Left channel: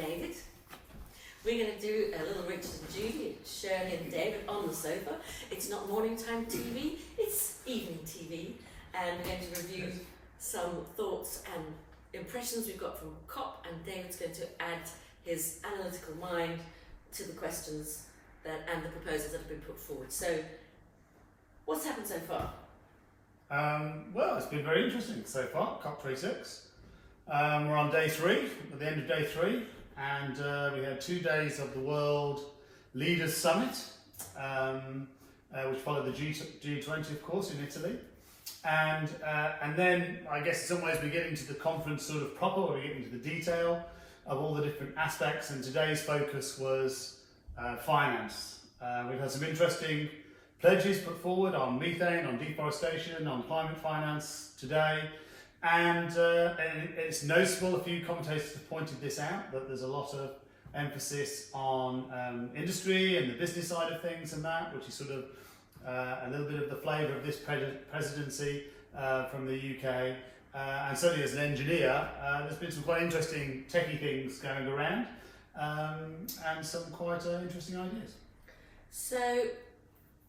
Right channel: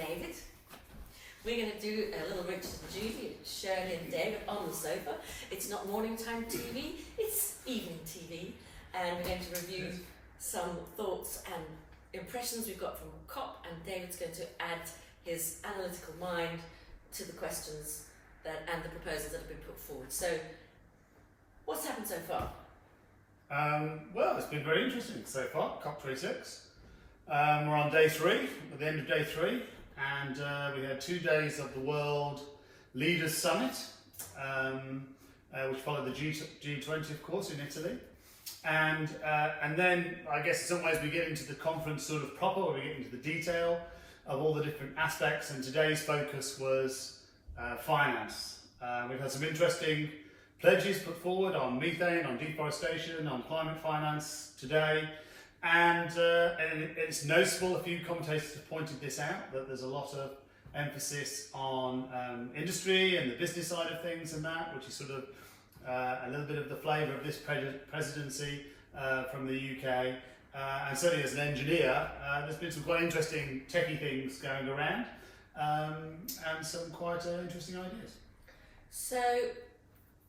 David. We're going to do a little Richard and Judy, Shirley and David on the sofa. It's not morning time TV, it's evening TV. And we're going to review some thoughts and impressions we've got from COP, and David's going to add his analytical mind to the questions and the proposals that have been put forward. So, what's happened so far? Well, it's been very interesting so far, COP26. We're on day 3, at the end of day 3, and we had 2 days of the World Leaders Summit, which followed the G20, of course, in Italy. And then, I guess in some ways, we get into the conference sort of proper, where we get into the detail of all the different aspects, and today's focus was finance. We've had some interesting pledges put forward on methane, on deforestation, on climate finance today, and it's noticeable, a few commentators have pointed this out, that there's a lot of emphasis on industry and the business side of things and that, which is sort of a little bit of the flavour of this presidency from the UK. And certainly as an engineer, there's been some quite interesting techie things going around, and some quite interesting ideas. So,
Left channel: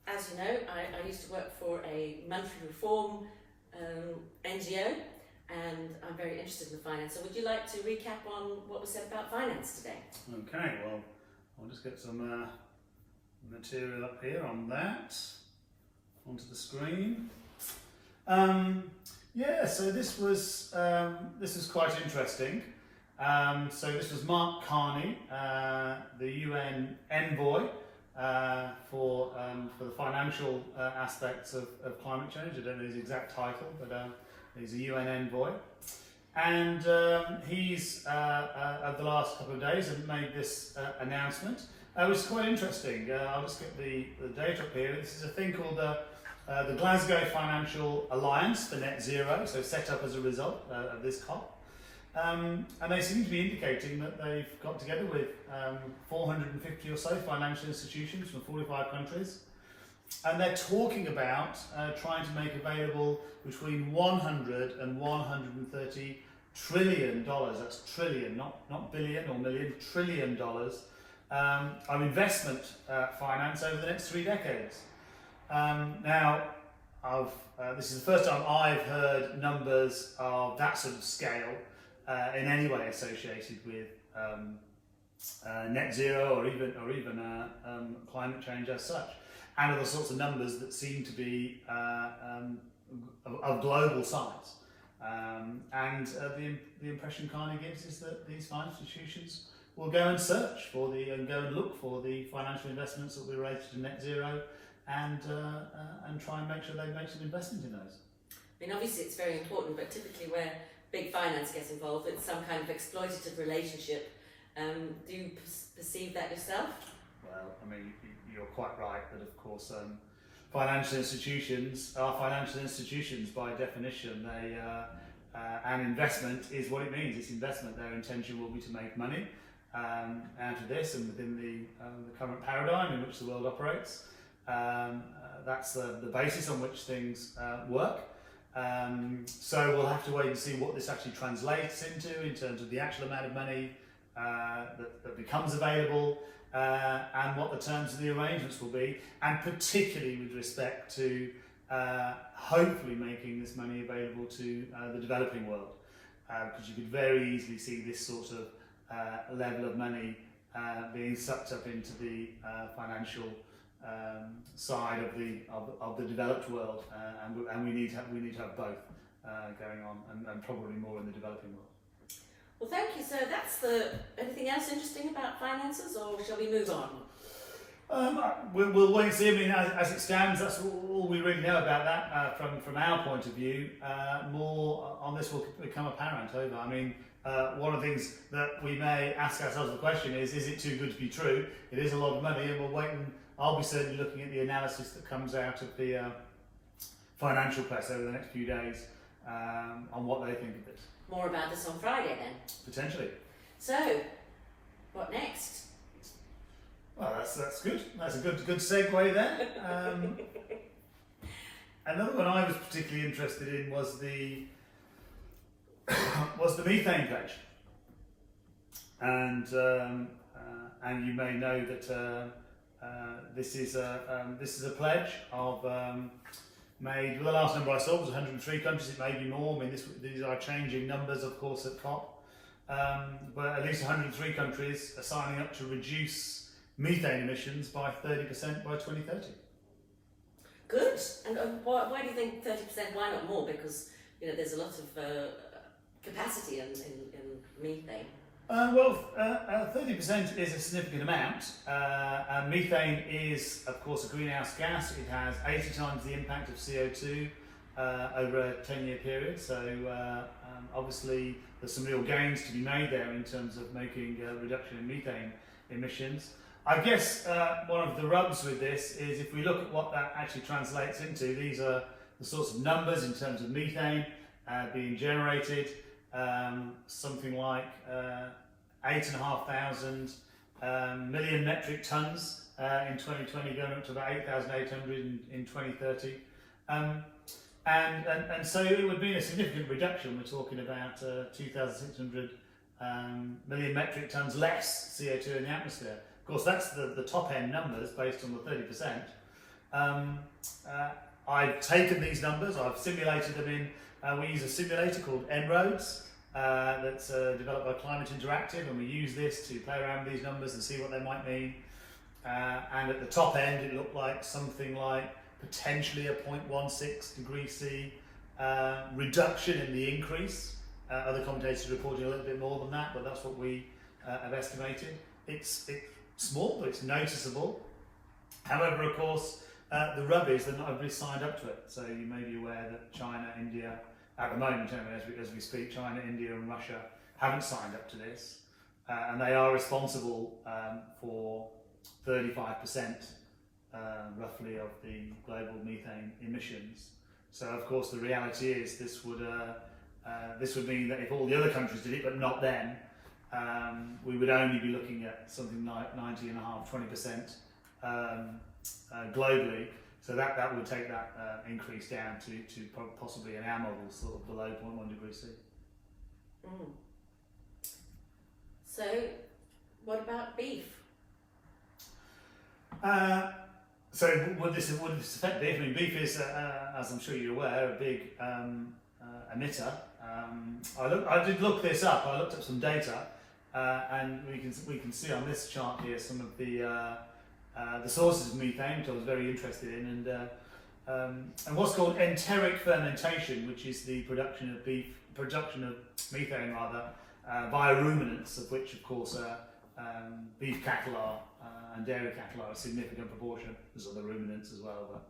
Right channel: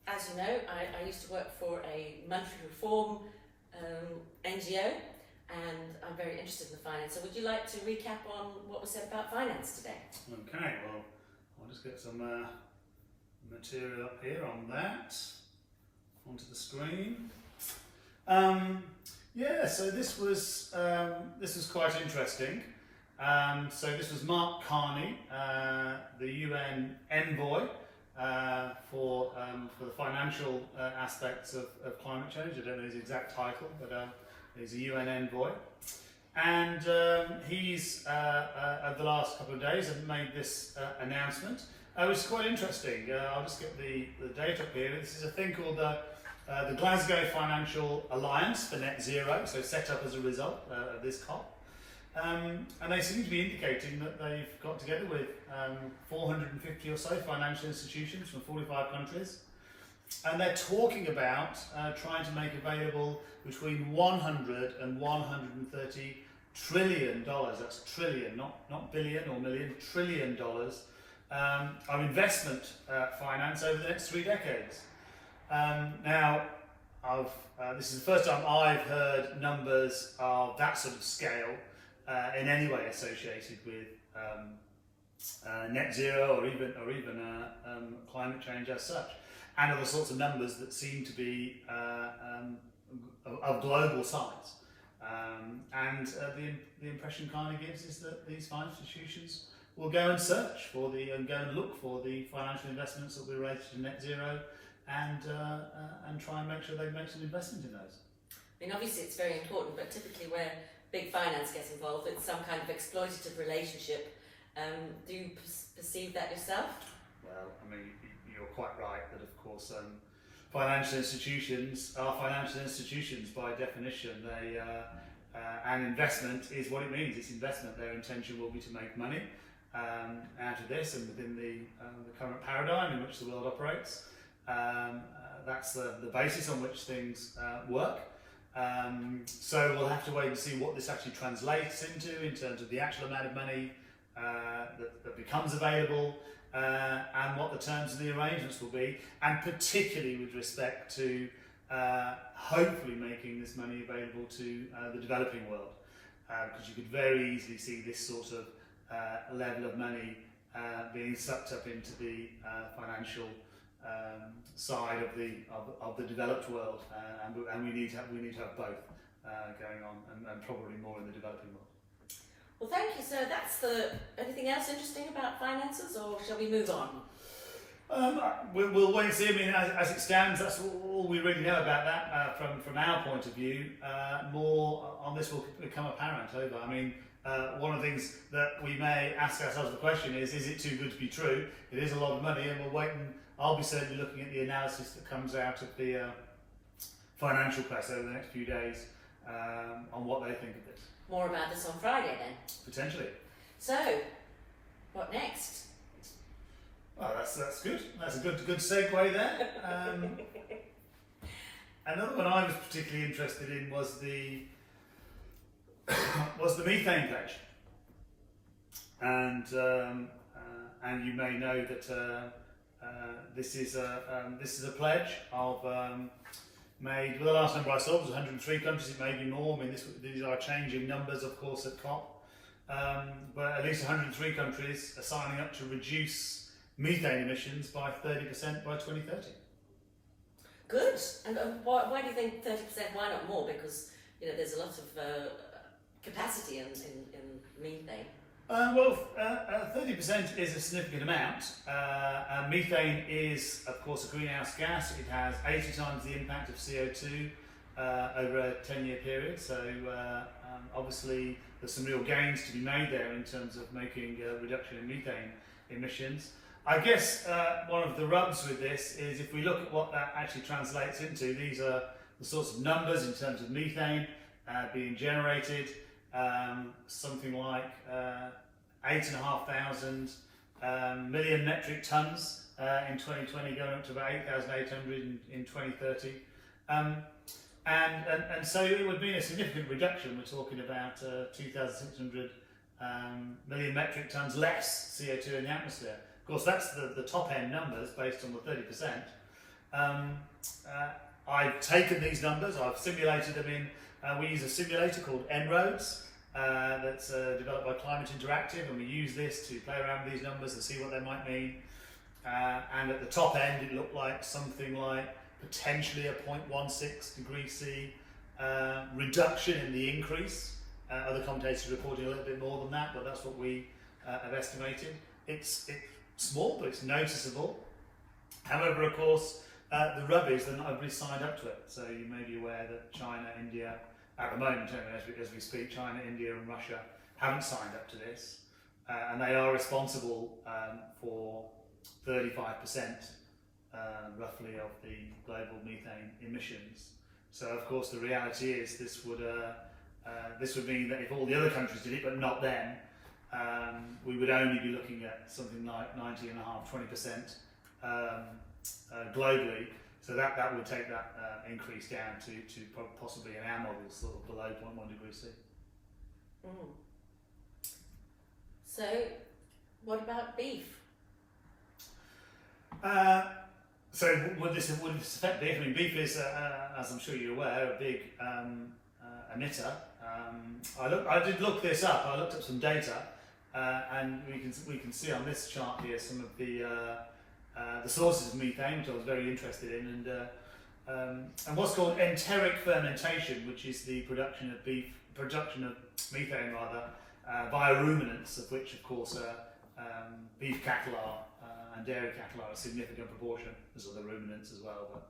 as you know, I used to work for a monetary reform NGO, and I'm very interested in the finance. So would you like to recap on what was said about finance today? Okay, well, I'll just get some material up here on that, onto the screen. Yeah, so this was quite interesting. So this was Mark Carney, the UN envoy for the financial aspects of climate change. I don't know his exact title, but he's a UN envoy. And he's, over the last couple of days, have made this announcement, which is quite interesting. I'll just get the date up here. This is a thing called the Glasgow Financial Alliance for Net Zero, so set up as a result of this COP. And they seem to be indicating that they've got together with 450 or so financial institutions from 45 countries, and they're talking about trying to make available between 100 and 130 trillion dollars, that's trillion, not billion or million, trillion dollars, of investment finance over the next 3 decades. Now, this is the first time I've heard numbers of that sort of scale in any way associated with net zero or even climate change as such, and other sorts of numbers that seem to be of global size. And the impression kind of gives is that these financial institutions will go and search for and go and look for the financial investments that were related to net zero, and try and make sure they make some investment in those. I mean, obviously it's very important, but typically where big finance gets involved, it's some kind of exploitative relationship. Do you perceive that yourself? Well, I mean, you're quite right that, of course, financial institutions are financial institutions by definition. They and investment is what it means. It's investment. Their intention will be to make money out of this, and within the current paradigm in which the world operates. That's the basis on which things work. So we'll have to wait and see what this actually translates into in terms of the actual amount of money that becomes available, and what the terms of the arrangements will be, and particularly with respect to hopefully making this money available to the developing world, because you could very easily see this sort of level of money being sucked up into the financial side of the developed world, and we need to have both going on, and probably more in the developing world. Well, thank you. So that's anything else interesting about finances, or shall we move on? We'll wait and see. I mean, as it stands, that's all we really know about that from our point of view. More on this will become apparent over. I mean, one of the things that we may ask ourselves the question is it too good to be true? It is a lot of money, and we'll wait, and I'll be certainly looking at the analysis that comes out of the financial press over the next few days on what they think of this. More about this on Friday then? Potentially. So, what next? Well, that's good. That's a good segue there. Another one I was particularly interested in was the methane pledge. and you may know that this is a pledge of made. Well, the last number I saw was 103 countries. It may be more. I mean, these are changing numbers, of course, at COP. But at least 103 countries are signing up to reduce methane emissions by 30% by 2030. Good. And why do you think 30%? Why not more? Because there's a lot of capacity in methane. 30% is a significant amount. Methane is, of course, a greenhouse gas. It has 80 times the impact of CO2 over a 10-year period. So obviously there's some real gains to be made there in terms of making a reduction in methane emissions. I guess one of the rubs with this is if we look at what that actually translates into, these are the sorts of numbers in terms of methane being generated. Something like 8,500 million metric tons in 2020, going up to about 8,800 in 2030. And so it would be a significant reduction. We're talking about 2,600 million metric tons less CO2 in the atmosphere. Of course, that's the top end numbers based on the 30%. I've taken these numbers, I've simulated them in, we use a simulator called En-ROADS that's developed by Climate Interactive, and we use this to play around with these numbers and see what they might mean. And at the top end, it looked like something like potentially a 0.16 degrees C reduction in the increase. Other commentators are reporting a little bit more than that, but that's what we have estimated. It's small, but it's noticeable. However, of course, the rub is that not everybody signed up to it. So you may be aware that China, India, at the moment, as we speak, China, India and Russia haven't signed up to this. And they are responsible for 35% roughly of the global methane emissions. So of course the reality is this would mean that if all the other countries did it, but not them, we would only be looking at something like 19.5–20% globally. So that would take that increase down to possibly in our model sort of below 0.1 degrees C. Mm. So what about beef? So would this affect beef? I mean, beef is, as I'm sure you're aware, a big emitter. I did look this up. I looked up some data, and we can see on this chart here some of the sources of methane, which I was very interested in, and what's called enteric fermentation, which is the production of methane via ruminants, of which, of course, beef cattle are. And dairy cattle are a significant proportion. There's other ruminants as well.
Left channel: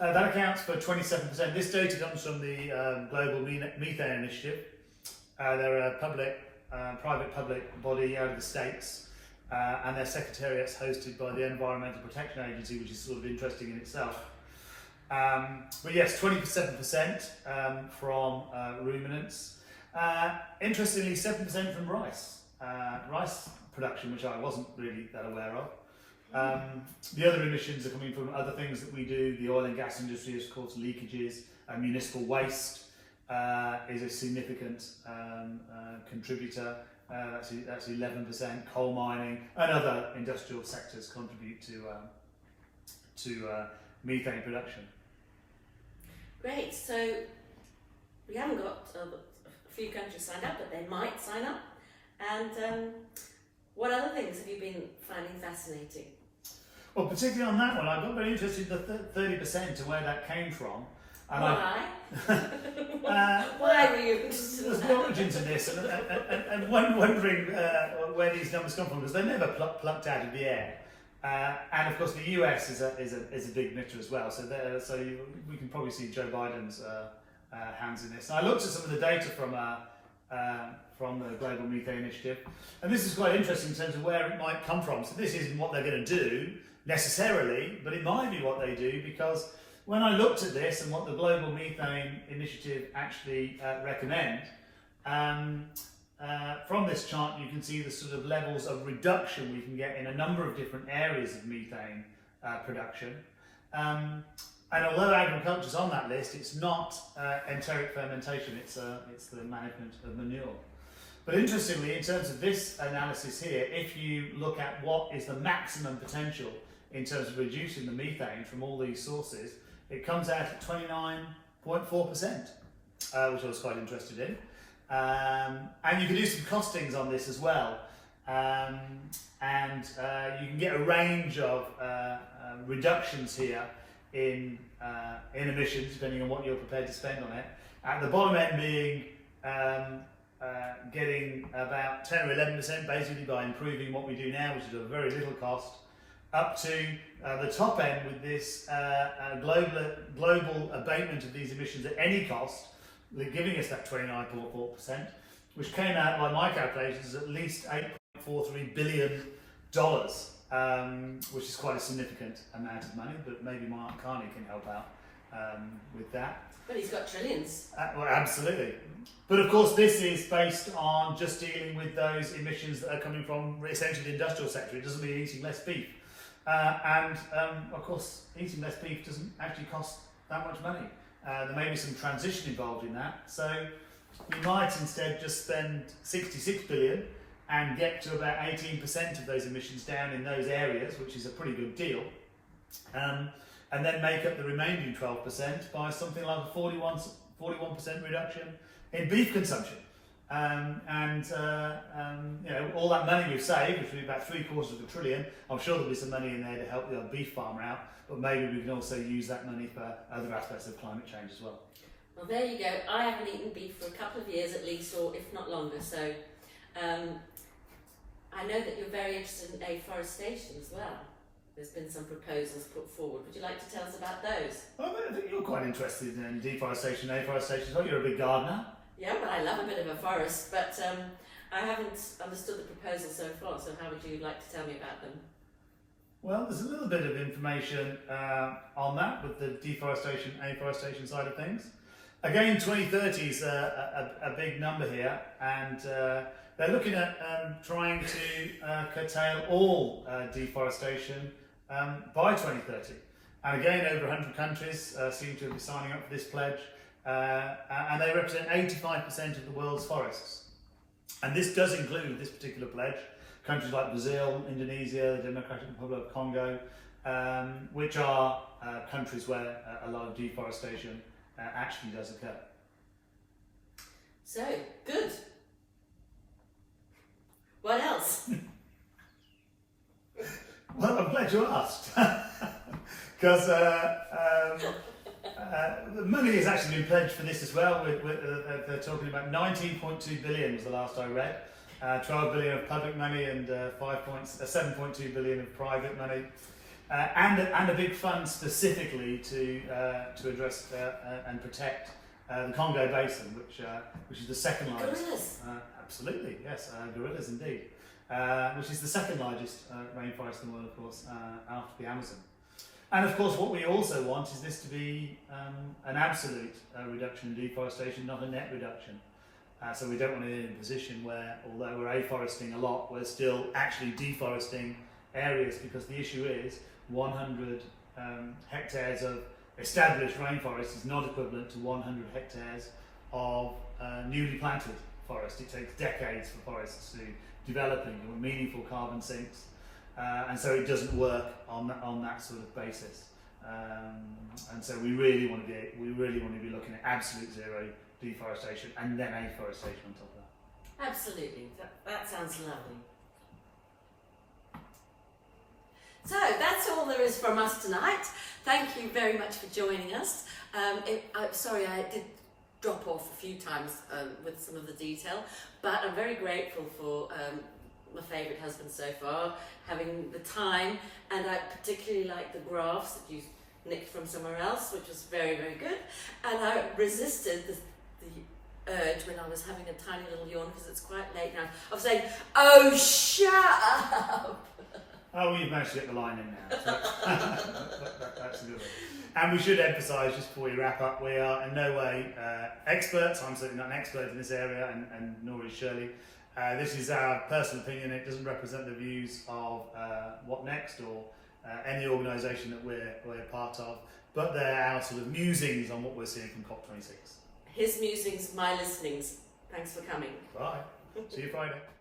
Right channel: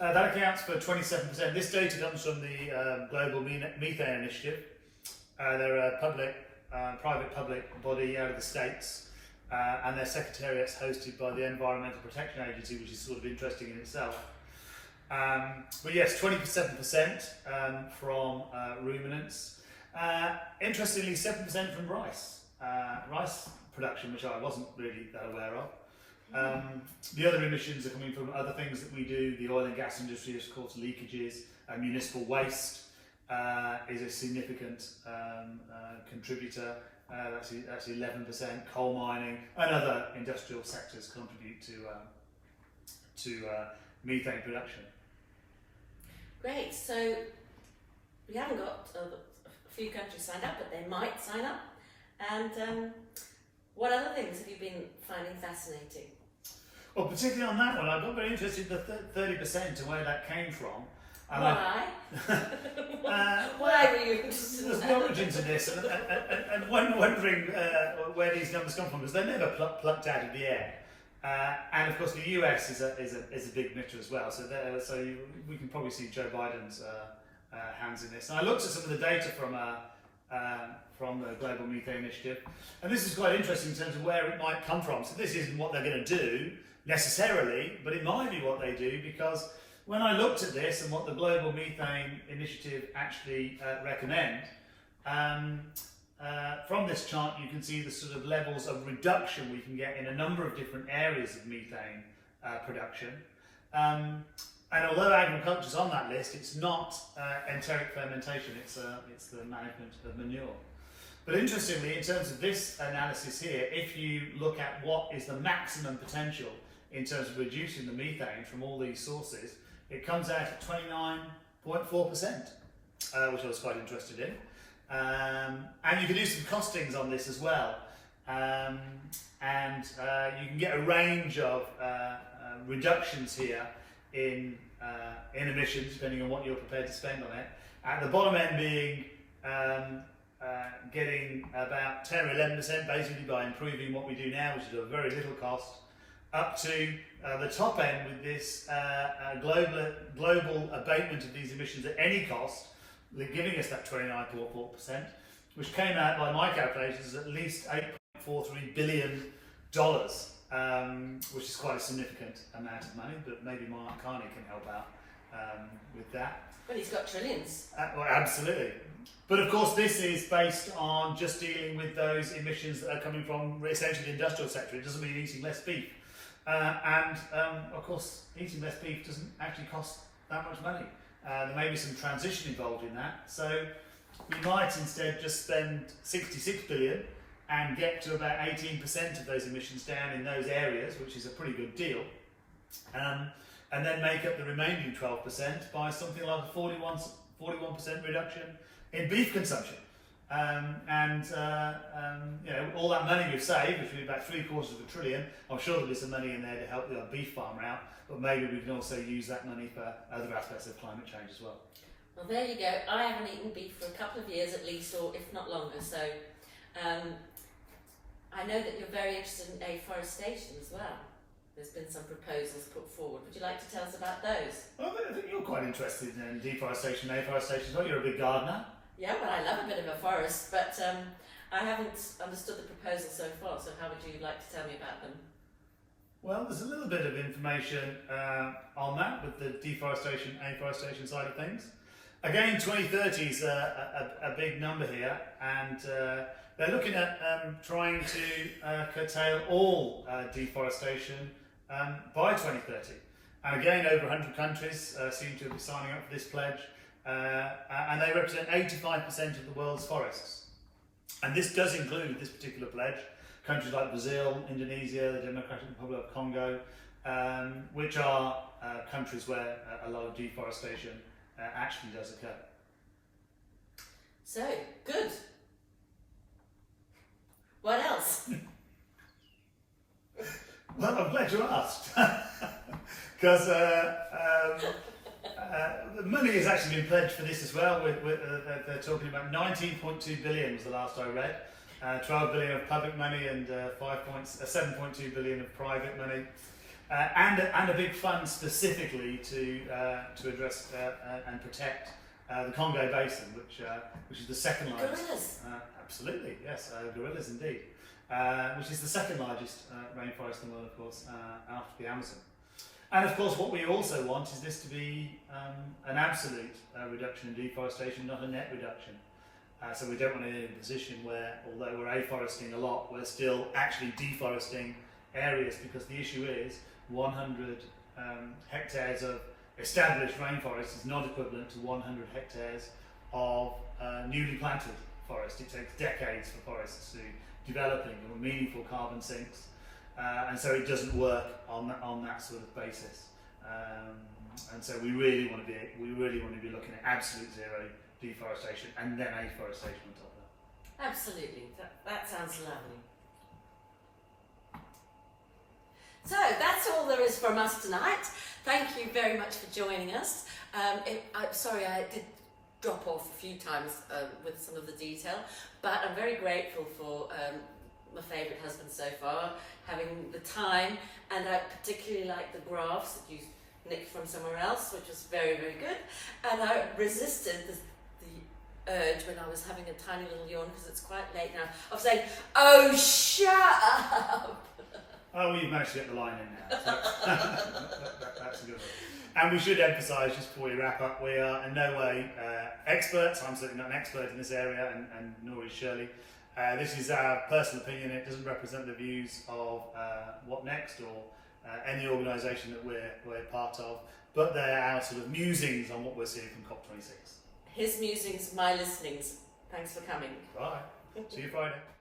But that accounts for 27%. This data comes from the Global Methane Initiative. They're a private-public body out of the States, and their secretariat's hosted by the Environmental Protection Agency, which is sort of interesting in itself. But yes, 27% from ruminants. Interestingly, 7% from rice. Rice production, which I wasn't really that aware of. The other emissions are coming from other things that we do. The oil and gas industry, of course, leakages, municipal waste is a significant contributor. That's 11%. Coal mining and other industrial sectors contribute to methane production. Great. So we haven't got a few countries signed up, but they might sign up. And what other things have you been finding fascinating? Well, particularly on that one, I got very interested in the 30% and where that came from. And why? Why were you interested in that? There's the origins of this, and wondering where these numbers come from, because they're never plucked out of the air. And of course, the US is a big emitter as well. So we can probably see Joe Biden's hands in this. And I looked at some of the data from the Global Methane Initiative, and this is quite interesting in terms of where it might come from. So this isn't what they're going to do necessarily, but it might be what they do, because when I looked at this and what the Global Methane Initiative actually recommend, from this chart you can see the sort of levels of reduction we can get in a number of different areas of methane production. And although agriculture is on that list, it's not enteric fermentation, it's the management of manure. But interestingly, in terms of this analysis here, if you look at what is the maximum potential in terms of reducing the methane from all these sources, it comes out at 29.4%, which I was quite interested in. And you can do some costings on this as well. You can get a range of reductions here in emissions, depending on what you're prepared to spend on it. At the bottom end being getting about 10 or 11% basically by improving what we do now, which is a very little cost, up to the top end with this global abatement of these emissions at any cost, giving us that 29.4%, which came out by my calculations at least $8.43 billion, which is quite a significant amount of money, but maybe Mark Carney can help out with that. Well, he's got trillions. Well, absolutely. But of course, this is based on just dealing with those emissions that are coming from essentially the industrial sector. It doesn't mean eating less beef. Of course, eating less beef doesn't actually cost that much money. There may be some transition involved in that. So you might instead just spend 66 billion and get to about 18% of those emissions down in those areas, which is a pretty good deal. And then make up the remaining 12% by something like a 41% reduction in beef consumption. All that money we've saved, which is about $750 billion, I'm sure there'll be some money in there to help the old beef farmer out, but maybe we can also use that money for other aspects of climate change as well. Well, there you go. I haven't eaten beef for a couple of years at least, or if not longer, so I know that you're very interested in afforestation as well. There's been some proposals put forward. Would you like to tell us about those? Well, I think you're quite interested in deforestation and afforestation as well. You're a big gardener. Yeah, well, I love a bit of a forest, but I haven't understood the proposal so far, so how would you like to tell me about them? Well, there's a little bit of information on that with the deforestation, afforestation side of things. Again, 2030 is a big number here, and they're looking at trying to curtail all deforestation by 2030. And again, over 100 countries seem to be signing up for this pledge, and they represent 85% of the world's forests. And this does include, this particular pledge, countries like Brazil, Indonesia, the Democratic Republic of Congo, which are countries where a lot of deforestation actually does occur. So, good. What else? Well, I'm glad you asked. Because the money has actually been pledged for this as well. They're talking about 19.2 billion was the last I read. 12 billion of public money and 7.2 billion of private money. And a big fund specifically to address and protect the Congo Basin, which is the second largest. Gorillas. Absolutely, yes, gorillas indeed. Which is the second largest rainforest in the world, of course, after the Amazon. And of course, what we also want is this to be an absolute reduction in deforestation, not a net reduction. So we don't want to be in a position where, although we're afforesting a lot, we're still actually deforesting areas, because the issue is 100 hectares of established rainforest is not equivalent to 100 hectares of newly planted forest. It takes decades for forests to develop into meaningful carbon sinks, and so it doesn't work on that sort of basis. And so we really want to be looking at absolute zero deforestation and then afforestation on top of that. Absolutely, that sounds lovely. So that's all there is from us tonight. Thank you very much for joining us. Sorry, I did drop off a few times with some of the detail, but I'm very grateful for my favourite husband so far, having the time, and I particularly like the graphs that you nicked from somewhere else, which was very, very good, and I resisted the urge when I was having a tiny little yawn, because it's quite late now, of saying, "Oh, shut up!" Oh, well, you've managed to get the line in now. So that's a good one. And we should emphasise, just before we wrap up, we are in no way experts. I'm certainly not an expert in this area, and nor is Shirley. This is our personal opinion. It doesn't represent the views of What Next or any organisation that we're part of, but they're our sort of musings on what we're seeing from COP26. His musings, my listenings. Thanks for coming. Bye. See you Friday.